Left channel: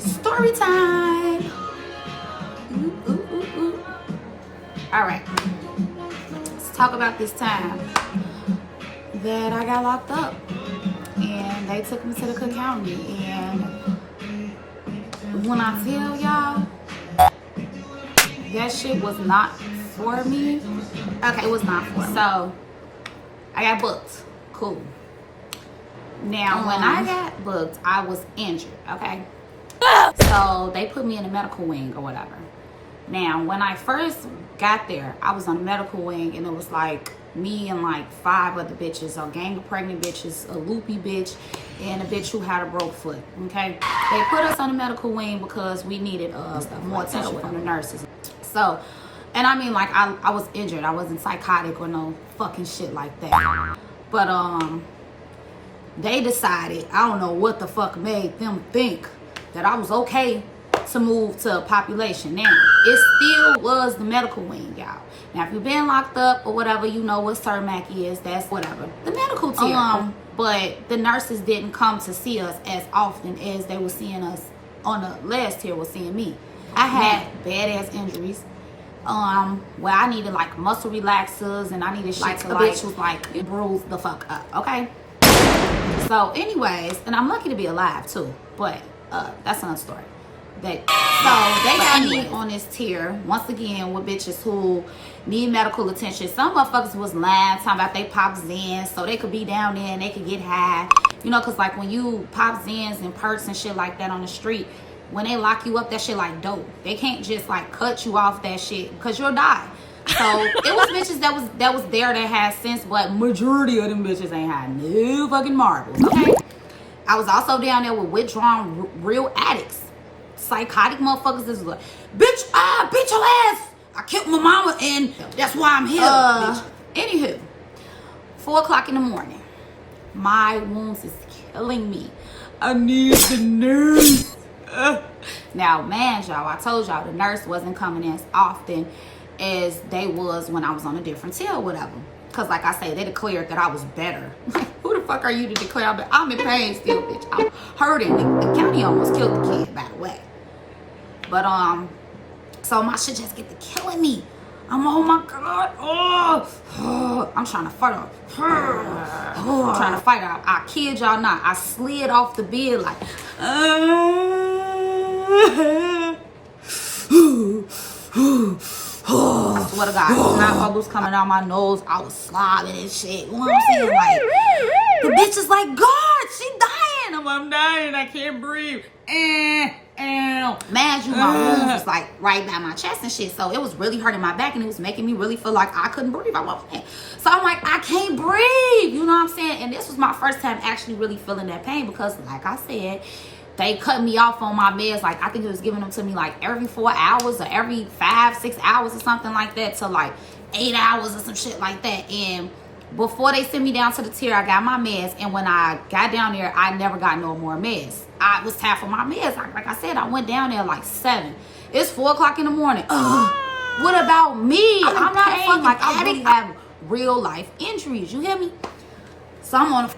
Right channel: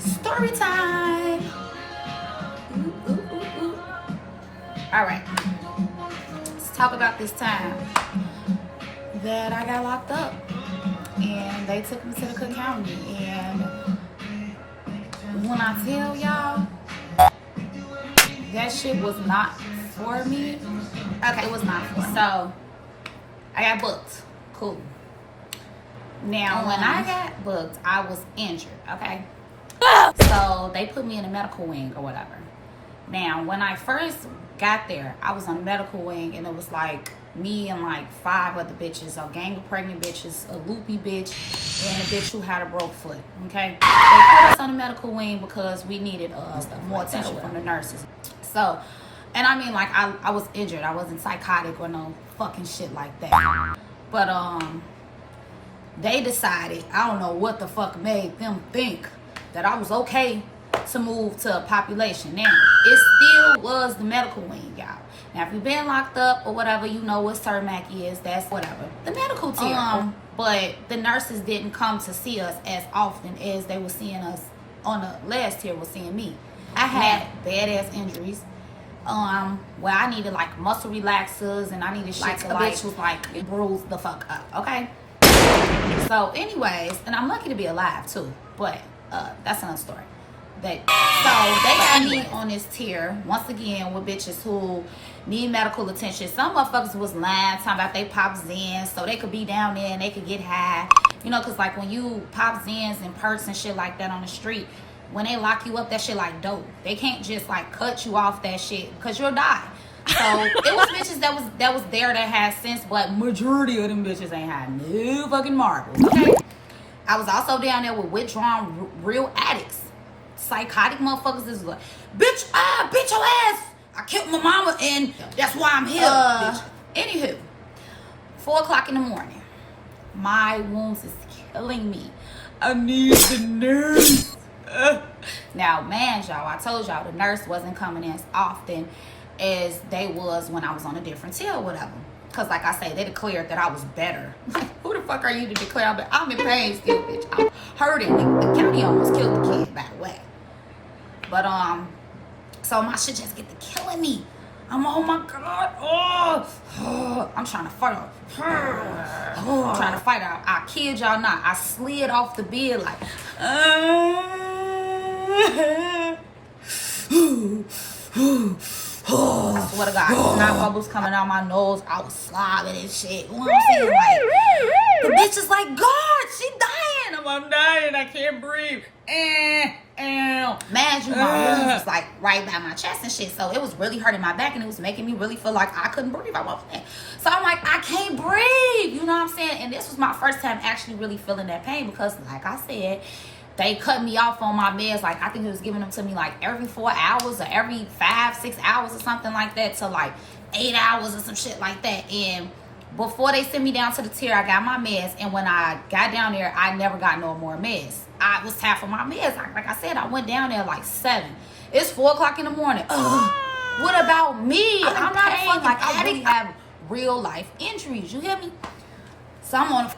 Story time. Ooh, ooh, ooh, ooh. All right, let's talk about this time that I got locked up and they took me to the Cook County. And when I tell y'all, that shit was not for me. Okay, it was not for me. So I got booked. Cool. Now, when I got booked, I was injured, okay? So they put me in a medical wing or whatever. Now, when I first got there, I was on a medical wing and it was like me and like 5 other bitches, a gang of pregnant bitches, a loopy bitch, and a bitch who had a broke foot, okay? They put us on the medical wing because we needed more attention from the nurses. So, and I mean, like, I was injured. I wasn't psychotic or no fucking shit like that. But, they decided, I don't know what the fuck made them think that I was okay to move to a population. Now, it still was the medical wing, y'all. Now, if you've been locked up or whatever, you know what CERMAC is. That's whatever. The medical tier. But the nurses didn't come to see us as often as they were seeing us on the last tier was seeing me. I had badass injuries. Where I needed like muscle relaxers and I needed shit like to bitch was like bruise the fuck up, okay? So anyways, and I'm lucky to be alive too, but that's another story. So they got me on this tier once again with bitches who need medical attention. Some motherfuckers was lying, talking about they pop Zans so they could be down there and they could get high. You know, cause like when you pop Zans and perks and shit like that on the street, when they lock you up, that shit like dope. They can't just like cut you off that shit because you'll die. So it was bitches that was there that had sense, but majority of them bitches ain't had no fucking marbles. Okay. I was also down there with withdrawn real addicts, psychotic motherfuckers. This is like, bitch, beat your ass. I killed my mama and that's why I'm here. Anywho, 4 o'clock in the morning, my wounds is killing me. I need the nurse. Now, man, y'all, I told y'all the nurse wasn't coming as often as they was when I was on a different tier or whatever. Because like I say, they declared that I was better. Who the fuck are you to declare? But I'm in pain still, bitch. I'm hurting. The county almost killed the kid, by the way. But, so my shit just get to killing me. I'm, oh my God. Oh, I'm trying to fight off. I'm trying to fight out. I kid y'all not. I slid off the bed like, I swear to God, snot bubbles coming out my nose. I was slobbing and shit. You know what I'm saying? Like, the bitch is like, God, she dying. I'm dying. I can't breathe. Man, you, my wounds was like right by my chest and shit. So it was really hurting my back and it was making me really feel like I couldn't breathe. I wasn't. So I'm like, I can't breathe. You know what I'm saying? And this was my first time actually really feeling that pain because, like I said, they cut me off on my meds. Like, I think it was giving them to me like every 4 hours or every 5-6 hours or something like that to like 8 hours or some shit like that. And before they sent me down to the tier, I got my meds. And when I got down there, I never got no more meds. I was half of my meds. Like I said, I went down there like 7. It's 4 o'clock in the morning. What about me? I'm not a fucking like addict. I really have real life injuries. You hear me? So I'm on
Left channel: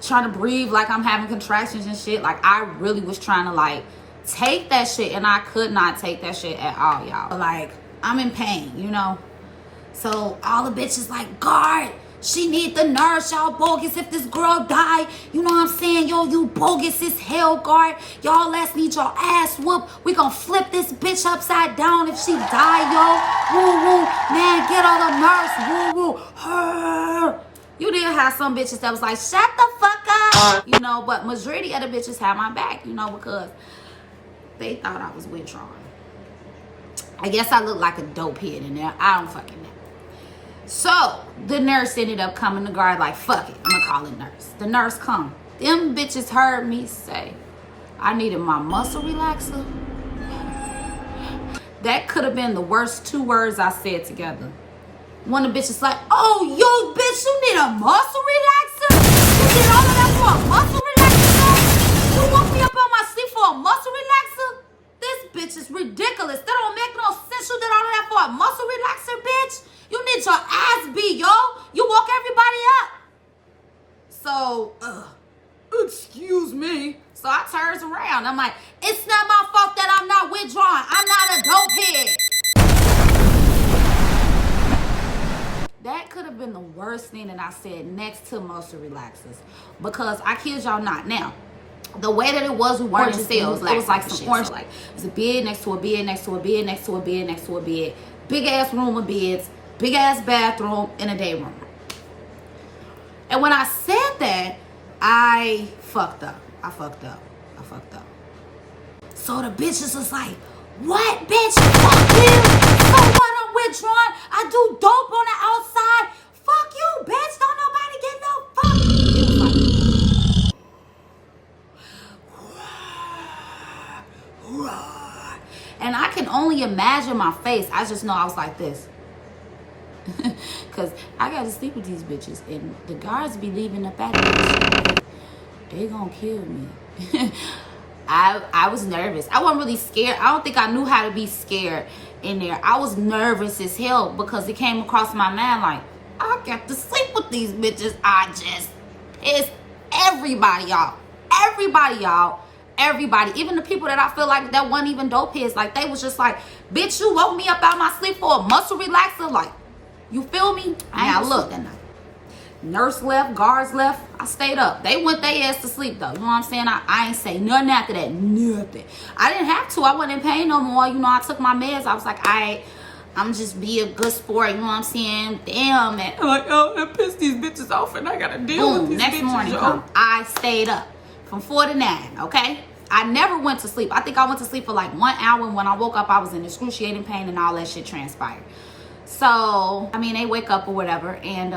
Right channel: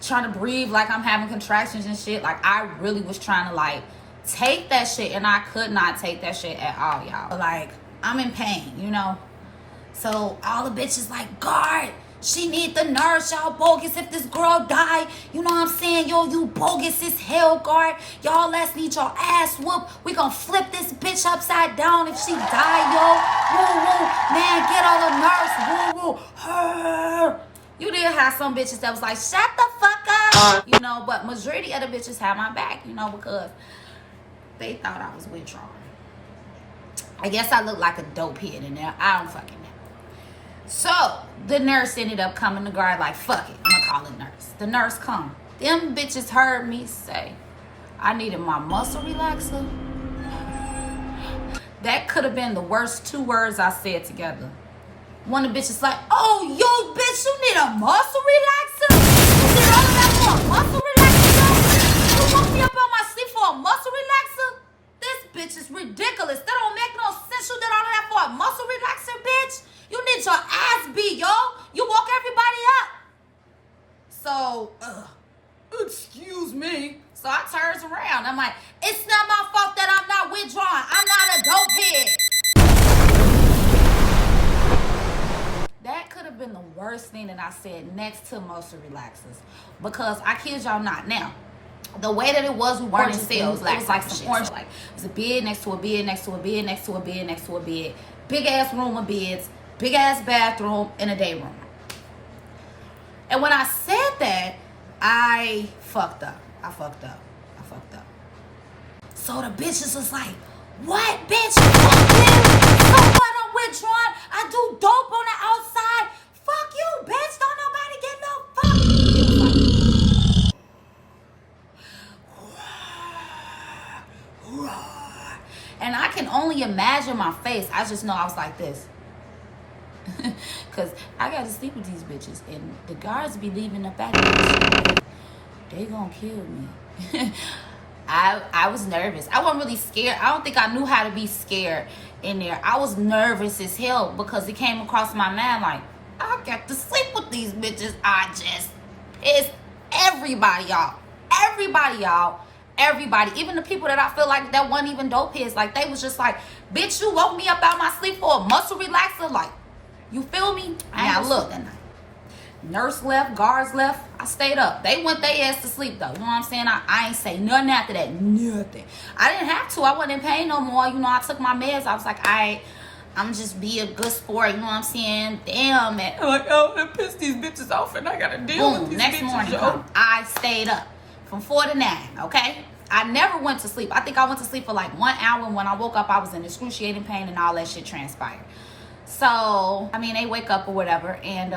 trying to breathe like I'm having contractions and shit. Like, I really was trying to like take that shit and I could not take that shit at all, y'all. Like, I'm in pain, you know? So all the bitches like, guard, she need the nurse. Y'all bogus if this girl die. You know what I'm saying? Yo, you bogus as hell, guard. Y'all ass need your ass whooped. We gonna flip this bitch upside down if she die, yo. Woo, woo. Man, get all the nurse. Woo, woo. Her. You did have some bitches that was like, shut the fuck up. You know, but majority of the bitches had my back, you know, because they thought I was withdrawn. I guess I look like a dope head in there. I don't fucking know. So the nurse ended up coming to guard like, fuck it, I'm gonna call it nurse. The nurse come. Them bitches heard me say I needed my muscle relaxer. That could have been the worst 2 words I said together. One of the bitches like, oh, yo, bitch, you need a muscle relaxer? You did all of that for a muscle relaxer? You woke me up on my sleep for a muscle relaxer? This bitch is ridiculous. That don't make no sense. You did all of that for a muscle relaxer, bitch? You need your ass beat, yo. You woke everybody up. So, excuse me. So I turns around. I'm like, it's not my fault that I'm not withdrawn. I'm not a dope head. That could have been the worst thing that I said next to motion relaxers. Because I kid y'all not. Now, the way that it was, we weren't in sales. It was like some orange. Like, it was a bed next to a bed, next to a bed, next to a bed, next to a bed. Big ass room of beds, big ass bathroom, and a day room. And when I said that, I fucked up. I fucked up. So the bitches was like, what, bitch? Fuck you. So what, I'm withdrawn? I do dope on the outside. Fuck you, bitch. Don't nobody get no fuck. And I can only imagine my face. I just know I was like this. Because I got to sleep with these bitches. And the guards be leaving up at me. They gonna kill me. I was nervous. I wasn't really scared. I don't think I knew how to be scared in there. I was nervous as hell because it came across my mind like, I got to sleep with these bitches. I just pissed everybody off. Everybody. Even the people that I feel like that wasn't even dope heads. Like, they was just like, bitch, you woke me up out my sleep for a muscle relaxer. Like, you feel me? Now look, nurse left, guards left. I stayed up. They went their ass to sleep though. You know what I'm saying? I ain't say nothing after that. Nothing. I didn't have to. I wasn't in pain no more. You know, I took my meds. I was like, I'm just be a good sport. You know what I'm saying? Damn it. I'm like, oh, I pissed these bitches off and I gotta deal with these next bitches. morning Come. I stayed up from 4 to 9. Okay. I never went to sleep. I think I went to sleep for like 1 hour. And when I woke up, I was in excruciating pain and all that shit transpired. So, I mean, they wake up or whatever, and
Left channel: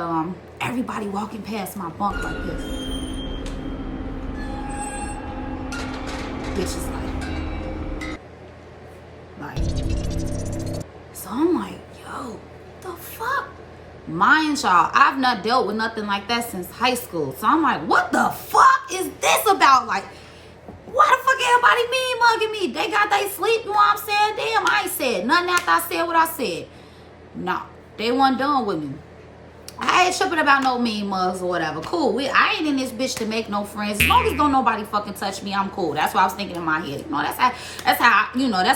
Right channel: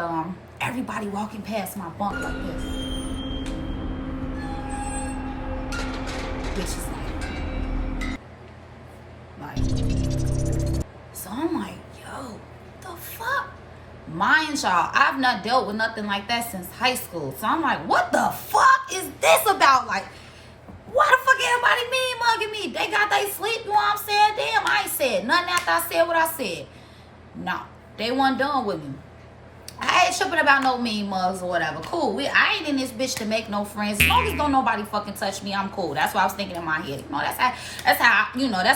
everybody walking past my bunk like this. Bitch is like. So I'm like, yo, the fuck? Mind y'all, I've not dealt with nothing like that since high school. So I'm like, what the fuck is this about? Like, why the fuck everybody mean mugging me? They got they sleep, you know what I'm saying? Damn, I ain't said nothing after I said what I said. No, they wasn't done with me. I ain't tripping about no mean mugs or whatever. Cool. I ain't in this bitch to make no friends. As long as don't nobody fucking touch me, I'm cool. That's what I was thinking in my head. You know, that's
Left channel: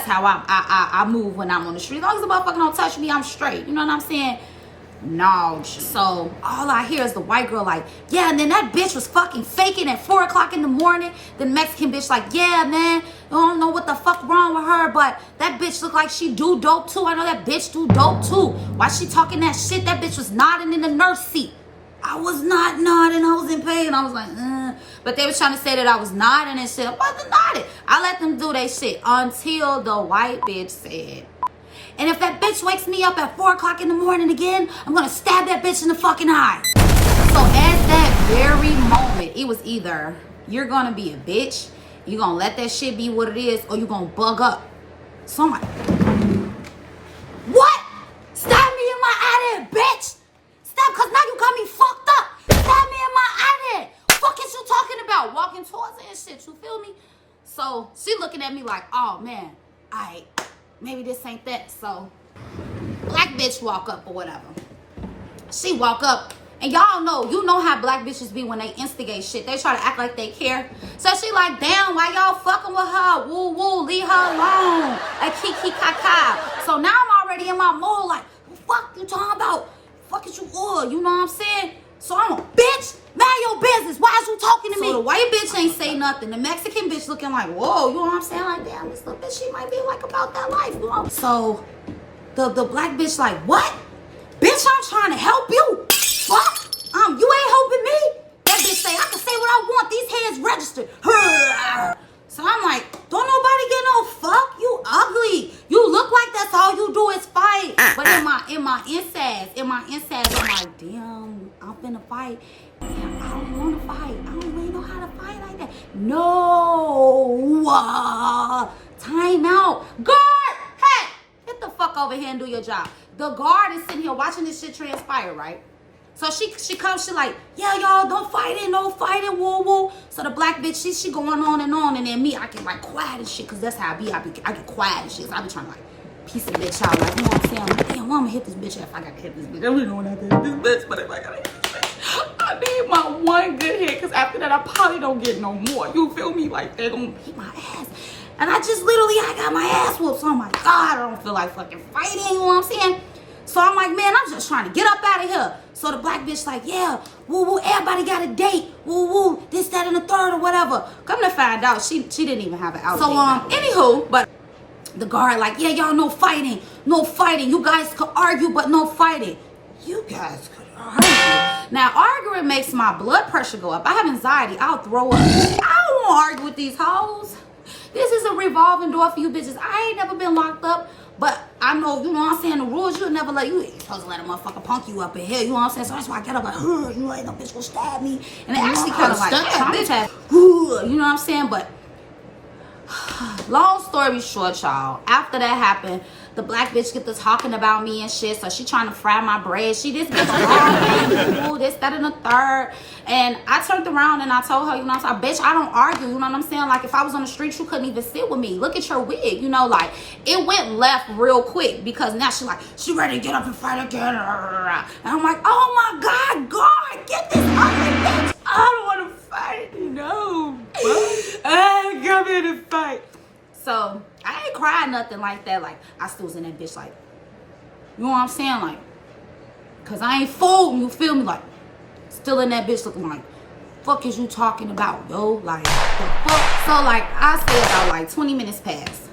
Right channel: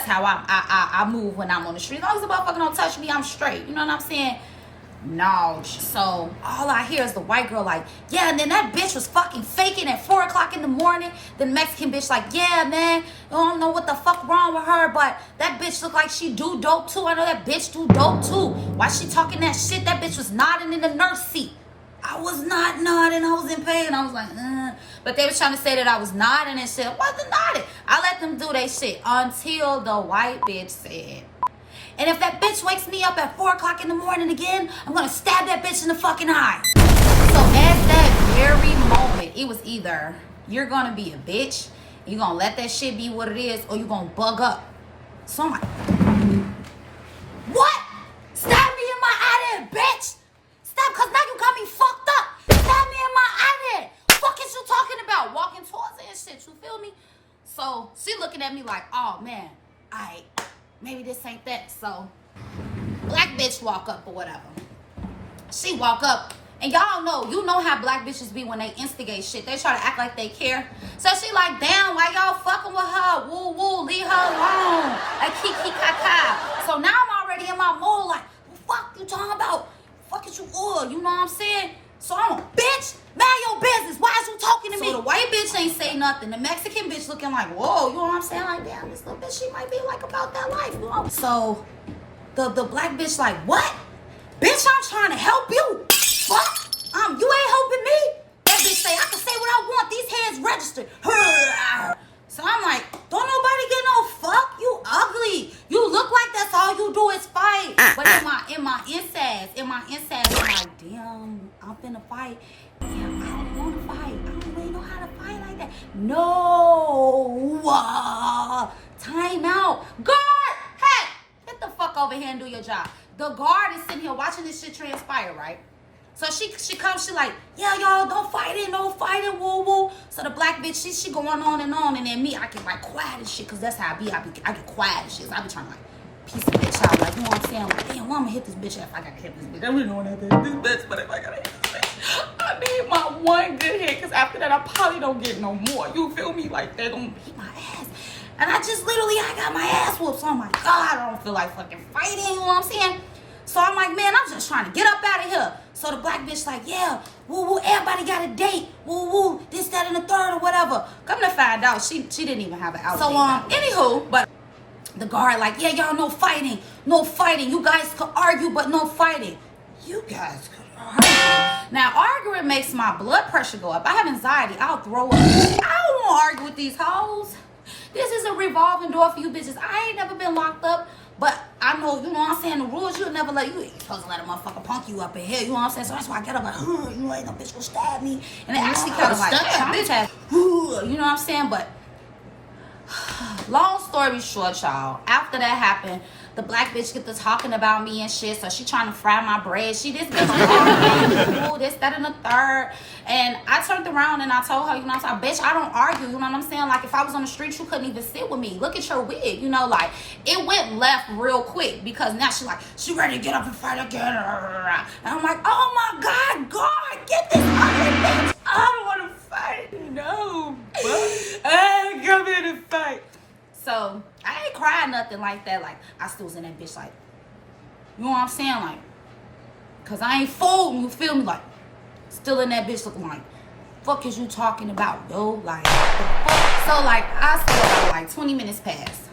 how I move when I'm on the street. As long as the motherfucker don't touch me, I'm straight. You know what I'm saying? No. So all I hear is the white girl like, yeah, and then that bitch was fucking faking at 4 o'clock in the morning. The Mexican bitch like, yeah, man, I don't know what the fuck wrong with her, but that bitch look like she do dope too. I know that bitch do dope too. Why she talking that shit? That bitch was nodding in the nurse seat. I was not nodding. I was in pain. I was like, But they was trying to say that I was nodding and shit. I wasn't nodding. I let them do their shit until the white bitch said, and if that bitch wakes me up at 4 o'clock in the morning again, I'm gonna stab that bitch in the fucking eye. So at that very moment, it was either you're gonna be a bitch, you're gonna let that shit be what it is, or you're gonna bug up. So I'm like, what? Stab me in my eye there, bitch. Stab, cause now you got me fucked up. Stab me in my eye there. Fuck is you talking about? Walking towards it and shit, you feel me? So she looking at me like, oh man, maybe this ain't that. So black bitch walk up or whatever. She walk up, and y'all know, you know how black bitches be when they instigate shit. They try to act like they care. So she like, damn, why y'all fucking with her? Woo woo, leave her alone. A kiki kaka. So now I'm already in my mood like, fuck you talking about? Fuck is you all? You know what I'm saying? So I'm a bitch. Mind your business. Why is you talking to me? So the white bitch ain't say nothing. The Mexican bitch looking like, whoa, you know what I'm saying? Like, damn, this little bitch, she might be like about that life, you know? So the black bitch like, what? Bitch, I'm trying to help you. Fuck. You ain't helping me. That bitch say, I can say what I want. These heads registered. So I'm like, don't nobody get no fuck. You ugly. You look like that's all you do is fight. But in my insides, I'm like, damn, I'm finna fight. Damn, I don't want to fight. I don't really know how to fight like that. No. Time out. Guard. Hey, get the fuck over here and do your job. The guard is sitting here watching this shit transpire, right? So she comes, she like, yeah, y'all, don't fight it, woo woo. So the black bitch, she going on, and then me, I get like quiet and shit, cause that's how I get quiet and shit. So I be trying to like piece the bitch out, like, you know what I'm saying? Like, damn, well, I'm gonna hit this bitch if I gotta hit this bitch. I really don't want to hit this bitch, but if I gotta hit this bitch. I need my one good hit, because after that, I probably don't get no more. You feel me? Like, they're going to beat my ass. And I just literally, I got my ass whooped. So I'm like, God, I don't feel like fucking fighting. You know what I'm saying? So I'm like, man, I'm just trying to get up out of here. So the black bitch like, yeah, woo woo, everybody got a date, woo woo, this, that, and the third or whatever. Come to find out, she didn't even have an out date. So anywho, but the guard like, yeah, y'all, no fighting, no fighting. You guys could argue, but no fighting. You guys could argue. Now arguing makes my blood pressure go up. I have anxiety. I'll throw up. I don't want to argue with these hoes. This is a revolving door for you bitches. I ain't never been locked up. But I know, you know what I'm saying, the rules, you'll never let you, ain't supposed to let a motherfucker punk you up in here, you know what I'm saying? So that's why I get up like, you ain't no bitch gonna stab me. And it actually kind of like traumatized, you know what I'm saying? But long story short, y'all, after that happened, the black bitch get to talking about me and shit, so she trying to fry my bread. She this bitch, this, that, and the third. And I turned around and I told her, you know what I'm saying, bitch, I don't argue, you know what I'm saying? Like, if I was on the street, you couldn't even sit with me. Look at your wig, you know, like, it went left real quick, because now she ready to get up and fight again. And I'm like, oh my God, God, get this other bitch. I don't want to fight, no. I ain't come here to fight. So I ain't crying nothing like that. Like, I still was in that bitch, like, you know what I'm saying? Like, cause I ain't fooled, you feel me? Like, still in that bitch looking like, fuck is you talking about, yo? Like, the fuck? So like, I say about like 20 minutes passed.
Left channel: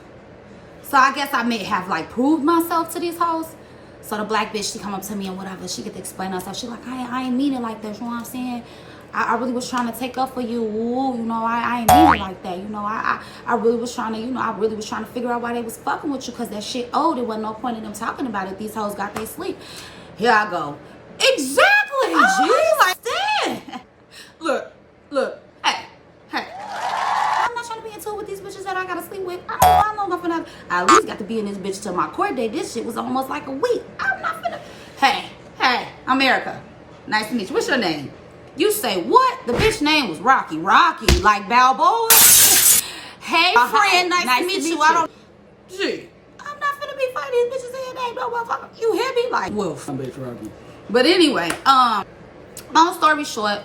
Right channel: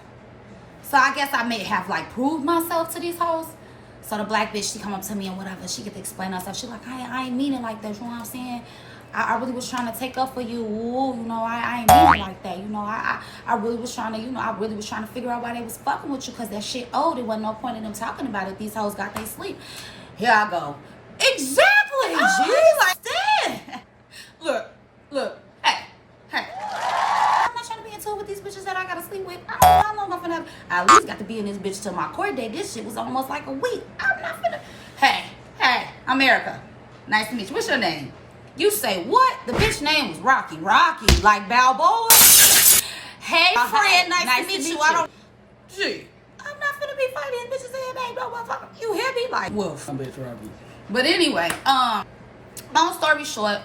So I guess I may have like proved myself to these hoes. So the black bitch, she come up to me and whatever, she get to explain herself. She like, I ain't mean it like that, you know what I'm saying? I really was trying to take up for you. Ooh, you know, I ain't mean it like that. You know, I really was trying to, you know, I really was trying to figure out why they was fucking with you, because that shit old. There wasn't no point in them talking about it. These hoes got they sleep. Here I go. Exactly, G. Look. Hey. I'm not trying to be in tour with these bitches that I gotta sleep with. I don't know how long I'm finna. I at least got to be in this bitch till my court date. This shit was almost like a week. I'm not finna. Hey, I'm Erica. Nice to meet you. What's your name? You say what? The bitch name was Rocky, like Balboa. Hey, friend, nice to meet you. I don't. Gee, I'm not finna be fighting these bitches in name, no motherfucker. You hear me? Like, wolf, bitch, Rocky. But anyway, long story short,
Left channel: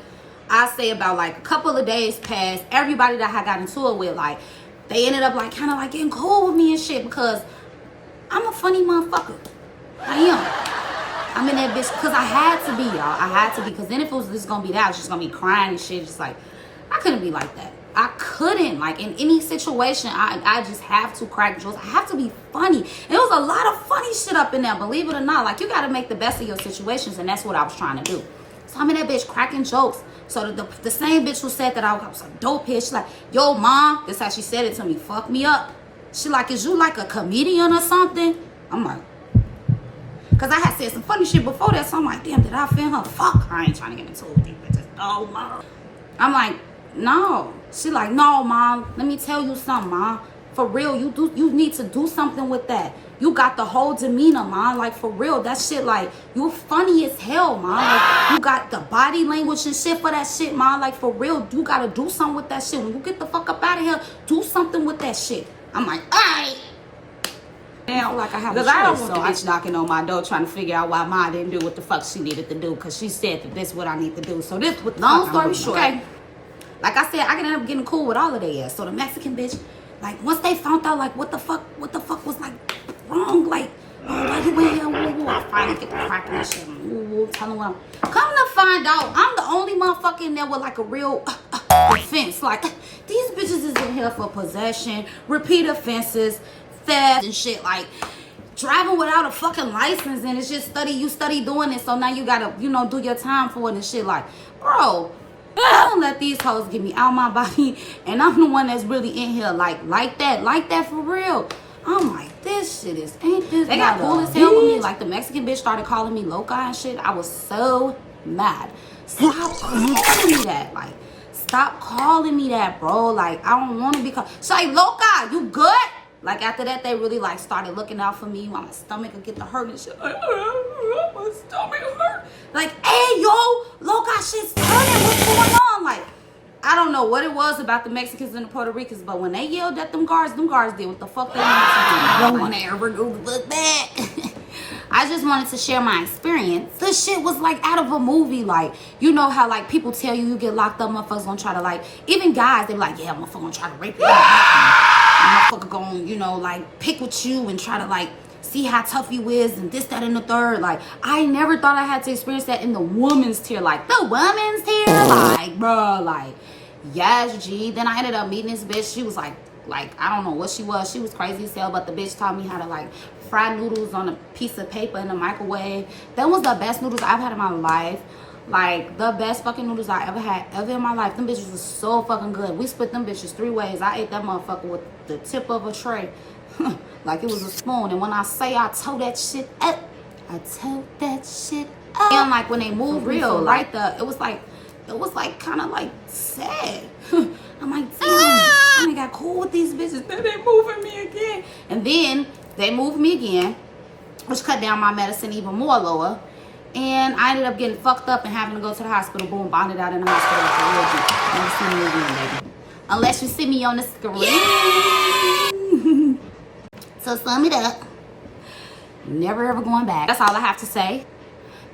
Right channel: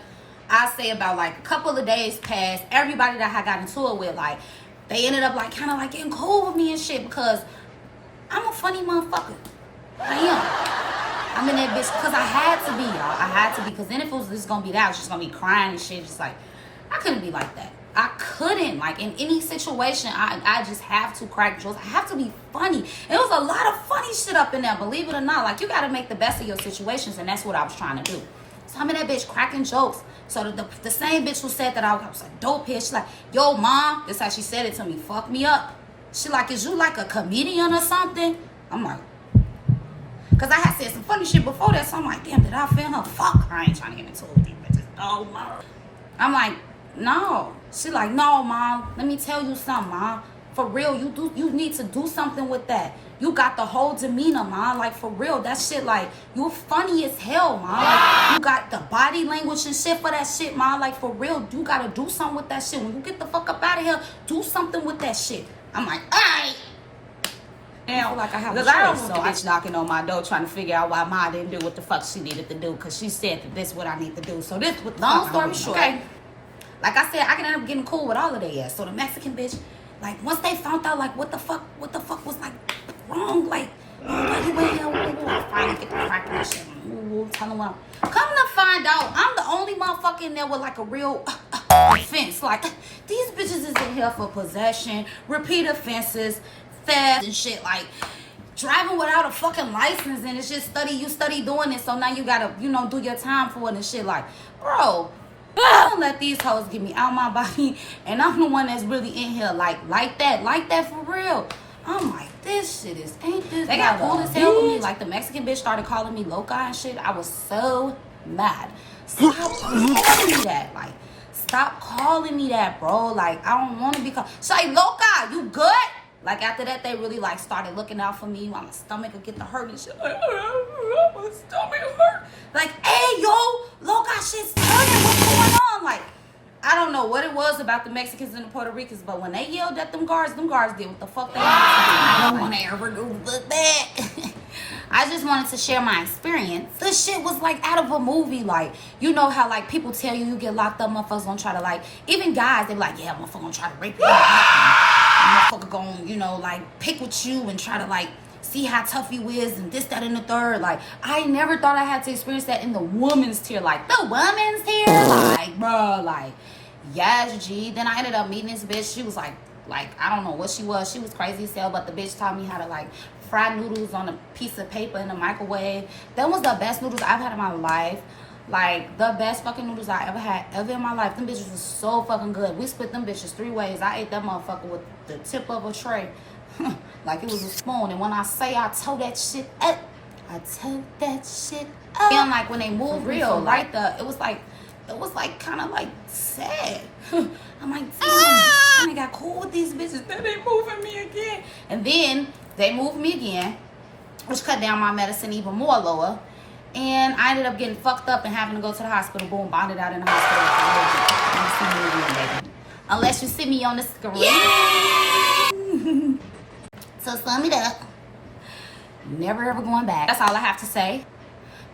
I say about like a couple of days passed. Everybody that I got into it with, like, they ended up like kind of like getting cool with me and shit, because I'm a funny motherfucker. I am. I'm in that bitch because I had to be, y'all. I had to be, because then if it was just gonna be that, I was just gonna be crying and shit. Just like, I couldn't be like that. I couldn't, like, in any situation, I just have to crack jokes. I have to be funny. And there was a lot of funny shit up in there, believe it or not. Like, you gotta make the best of your situations, and that's what I was trying to do. So I'm in that bitch cracking jokes. So the same bitch who said that I was a dope here, she's like, yo, mom, this how she said it to me, fuck me up. She like, is you like a comedian or something? I'm like, because I had said some funny shit before that, so I'm like, damn, did I offend her? Fuck, I ain't trying to get into it with these bitches. Oh, mom. I'm like, no. She like, no, mom, let me tell you something, mom. For real, you need to do something with that. You got the whole demeanor, mom. Like, for real, that shit, like, you funny as hell, mom. Like, you got the body language and shit for that shit, mom. Like, for real, you got to do something with that shit. When you get the fuck up out of here, do something with that shit. I'm like, all right. Now, like, I have a choice, I don't want the bitch knocking on my door trying to figure out why Ma didn't do what the fuck she needed to do, because she said that this is what I need to do. So this what the long story short. Okay. Like I said, I can end up getting cool with all of their ass. So the Mexican bitch, like, once they found out, like, what the fuck was, like, wrong, like you went here, I finally get the cracking and shit. Tell them what I'm. Come to find out, I'm the only motherfucker in there with, like, a real offense. Like, these bitches is in here for possession, repeat offenses, theft and shit, like driving without a fucking license, and it's just you study doing it, so now you gotta, you know, do your time for it and shit. Like, bro, don't let these hoes get me out my body, and I'm the one that's really in here like that for real. I'm like, this shit is, ain't this, they got cool as hell with me. Like, the Mexican bitch started calling me loca and shit. I was so mad. Stop calling me that. Like, stop calling me that, bro. Like, I don't want to be called. She's like, loca, you good? Like, after that, they really, like, started looking out for me. My stomach would get the hurt and shit. Like, my stomach hurt. Like, hey, yo, loca, shit's turning. What's going on? Like, I don't know what it was about the Mexicans and the Puerto Ricans, but when they yelled at them guards did what the fuck they wanted to do. I don't want to ever go look back. I just wanted to share my experience. This shit was like out of a movie. Like, you know how like people tell you get locked up, motherfuckers gonna try to like, even guys, they be like, yeah, motherfucker gonna try to rape you. Motherfucker gonna, you know, like pick with you and try to like see how tough you is and this, that, and the third. Like, I never thought I had to experience that in the woman's tier. Like, the woman's tier? Like, bro, like, yes, G. Then I ended up meeting this bitch. She was like, I don't know what she was. She was crazy as hell, but the bitch taught me how to, like, fry noodles on a piece of paper in the microwave. That was the best noodles I've had in my life. Like, the best fucking noodles I ever had in my life. Them bitches was so fucking good. We split them bitches 3 ways. I ate that motherfucker with the tip of a tray. Like it was a spoon. And when I say I tore that shit up, I tore that shit up. And like when they moved real, right there, it was like kind of like sad. I'm like, damn, I got cool with these bitches. Then they moving me again. And then they moved me again, which cut down my medicine even more lower. And I ended up getting fucked up and having to go to the hospital. Boom, bonded out in the hospital. Never see me again, baby. Unless you see me on the screen. Yeah. So sum it up. Never ever going back. That's all I have to say.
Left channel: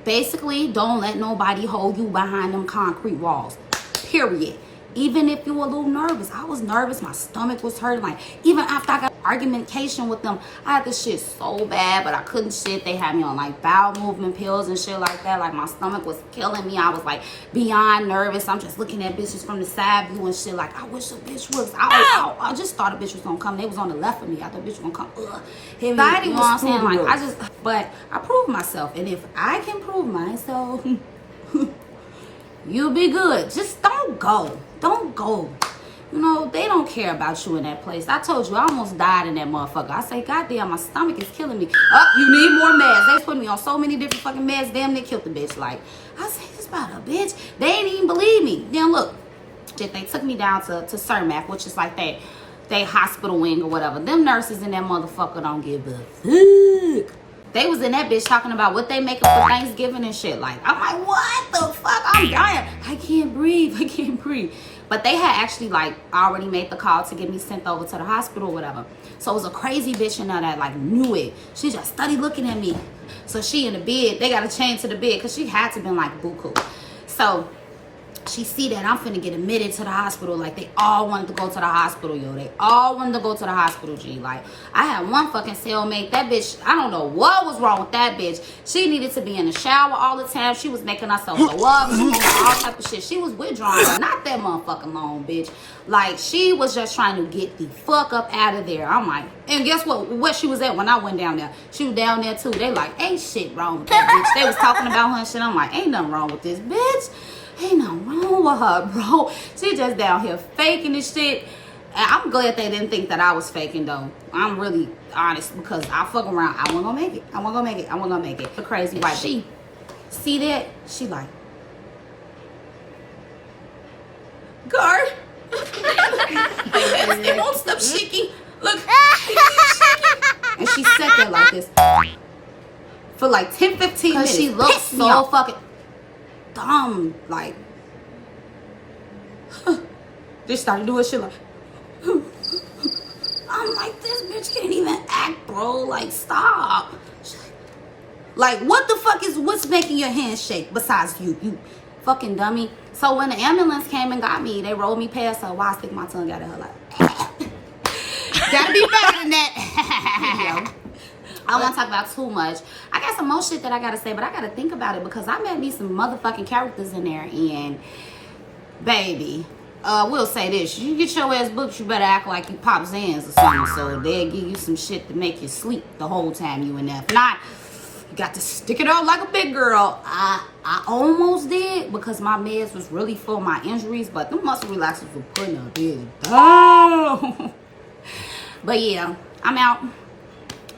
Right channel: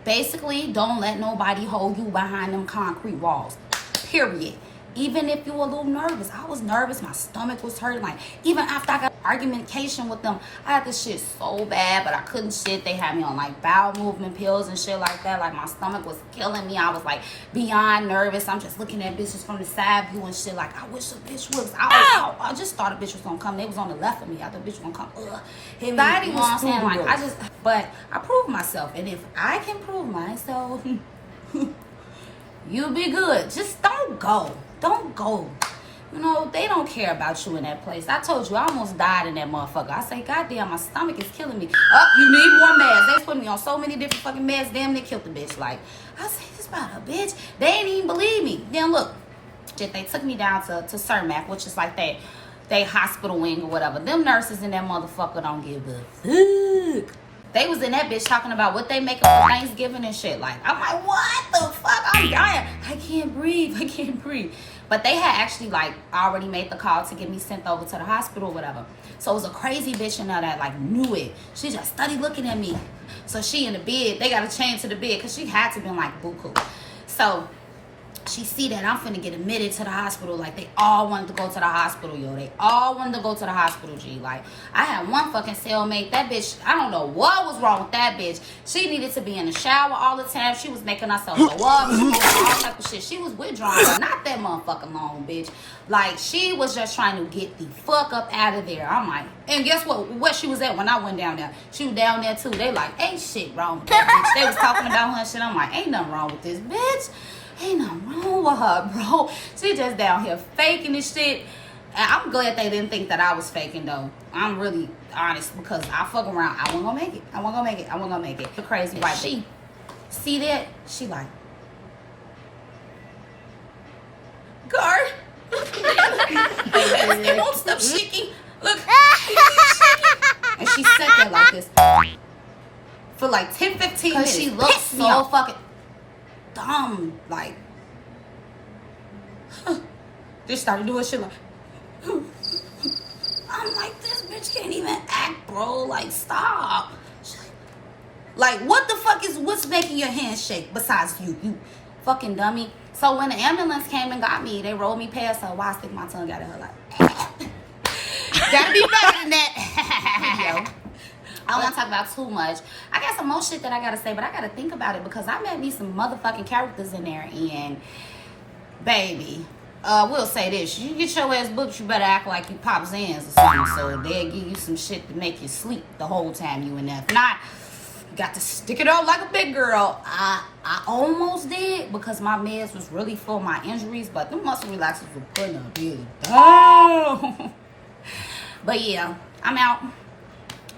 Basically, don't let nobody hold you behind them concrete walls. Period. Even if you're a little nervous. I was nervous. My stomach was hurting. Like, even after I got argumentation with them, I had this shit so bad, but I couldn't shit. They had me on, like, bowel movement pills and shit like that. Like, my stomach was killing me. I was, like, beyond nervous. I'm just looking at bitches from the side view and shit. Like, I wish a bitch was out. I just thought a bitch was gonna come. They was on the left of me. I thought a bitch was gonna come. Hit me. You know what I'm saying? Like, but I proved myself. And if I can prove myself, you'll be good. Just don't go. Don't go. You know, they don't care about you in that place. I told you, I almost died in that motherfucker. I say, goddamn, my stomach is killing me. Oh, you need more meds. They put me on so many different fucking meds. Damn, they killed the bitch. Like, I say this about a bitch. They ain't even believe me. Then look, they took me down to Cermak, which is like they hospital wing or whatever. Them nurses in that motherfucker don't give a fuck. They was in that bitch talking about what they making for Thanksgiving and shit. Like, I'm like, what the fuck? I'm dying. I can't breathe. I can't breathe. But they had actually, like, already made the call to get me sent over to the hospital or whatever. So it was a crazy bitch in there that, like, knew it. She just studied looking at me. So she in the bed. They got to change to the bed because she had to been, like, buku. So she see that I'm finna get admitted to the hospital. Like, they all wanted to go to the hospital, yo. They all wanted to go to the hospital, G. Like, I had one fucking cellmate. That bitch, I don't know what was wrong with that bitch. She needed to be in the shower all the time. She was making herself go up, all type of shit. She was withdrawing, not that motherfucking long, bitch. Like, she was just trying to get the fuck up out of there. I'm like, and guess what? Where she was at when I went down there? She was down there, too. They like, ain't shit wrong with that bitch. They was talking about her and shit. I'm like, ain't nothing wrong with this bitch. Ain't nothing wrong with her, bro. She just down here faking this shit. And I'm glad they didn't think that I was faking, though. I'm really honest because I fuck around. I wasn't gonna make it. I wasn't gonna make it. I wasn't gonna make it. The crazy white she see that? She like, guard. It won't stop shaking. Look. And she sat there like this for like 10, 15 minutes. She looked so fucking dumb, like, they started doing shit like, I'm like, this bitch can't even act, bro. Like, stop. Like, what the fuck is what's making your hands shake besides you fucking dummy? So when the ambulance came and got me, they rolled me past her. Why I stick my tongue out of her like, gotta be better than that. I don't want to talk about too much. I got some more shit that I got to say, but I got to think about it because I met me some motherfucking characters in there. And, baby, we'll say this. You get your ass booked, you better act like you Pop Zans or something. So they'll give you some shit to make you sleep the whole time you in there. If not, you got to stick it out like a big girl. I almost did because my meds was really for my injuries, but the muscle relaxers were putting a big down. But, yeah, I'm out.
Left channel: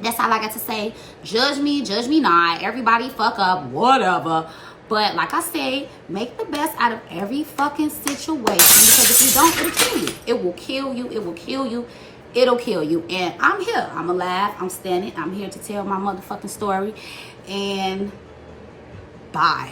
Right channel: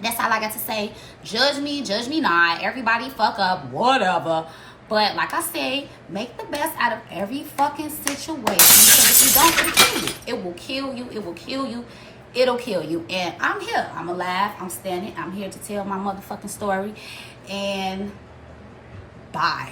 That's all I got to say. Judge me not. Everybody fuck up, whatever. But like I say, make the best out of every fucking situation. Because if you don't, it'll kill you. It will kill you. It will kill you. It'll kill you. And I'm here. I'm alive. I'm standing. I'm here to tell my motherfucking story. And bye.